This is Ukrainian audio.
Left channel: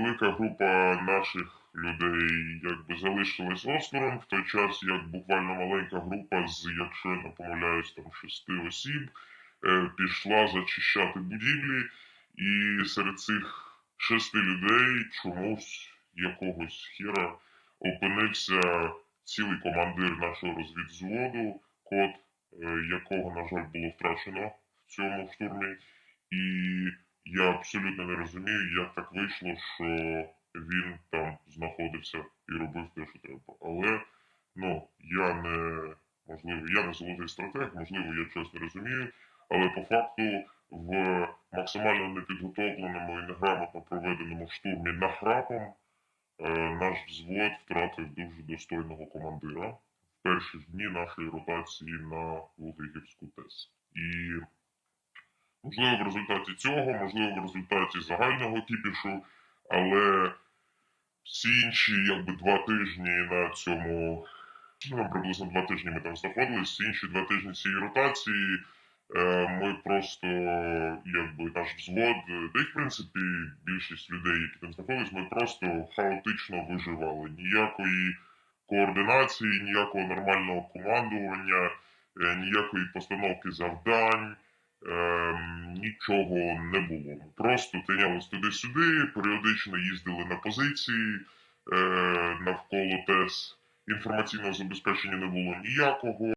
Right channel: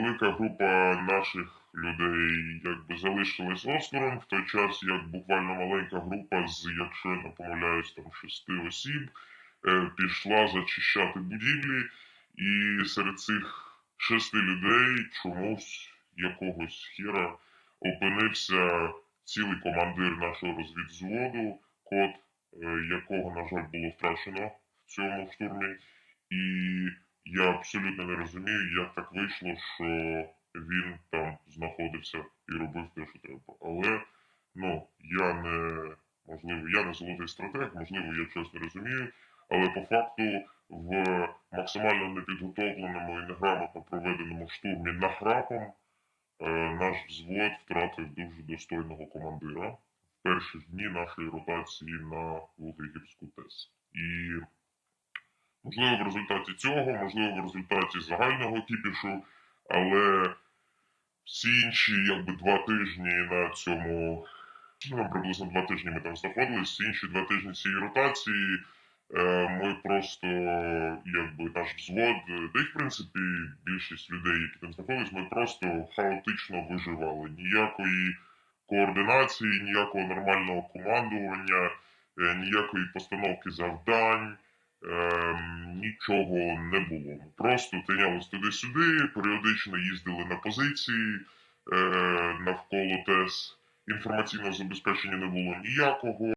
велика група наших людей якби залишилась осторонь, в той час як буквально маленька група з, якщо я не помиляюсь, там шести осіб е, пішла зачищати будівлі, і серед цих шести людей чомусь якогось хіра опинився цілий командир нашого розвідзводу, код е, якого, на жаль, було втрачено в цьому штурмі. І я абсолютно не розумію, як так вийшло, що він там знаходився і робив те, що треба. Але ну, я не можливо, я не золотий стратег, можливо, я щось не розумію. Але по факту в максимально непідготовленому і неграмотно проведеному штурмі нахрапом е, наш взвод втратив дуже достойного командира в перші дні нашої ротації на Волгогірську ТЕС. І можливо в результаті цього, можливо в результаті загального кіпішу, але всі інші якби два тижні на цьому, ну приблизно два тижні ми там знаходились, інші два тижні цієї ротації. е, Ми просто, якби наш взвод, е, й в принципі більшість людей, які там знаходились, ми просто хаотично виживали. Ніякої координації, ніякого нормального командування, е, ніякої постановки завдань, ем, нічого не було. Просто тинялись туди-сюди, періодично їздили на позиції е, навколо ТЕС. Інформаційного забезпечення не було ніякого.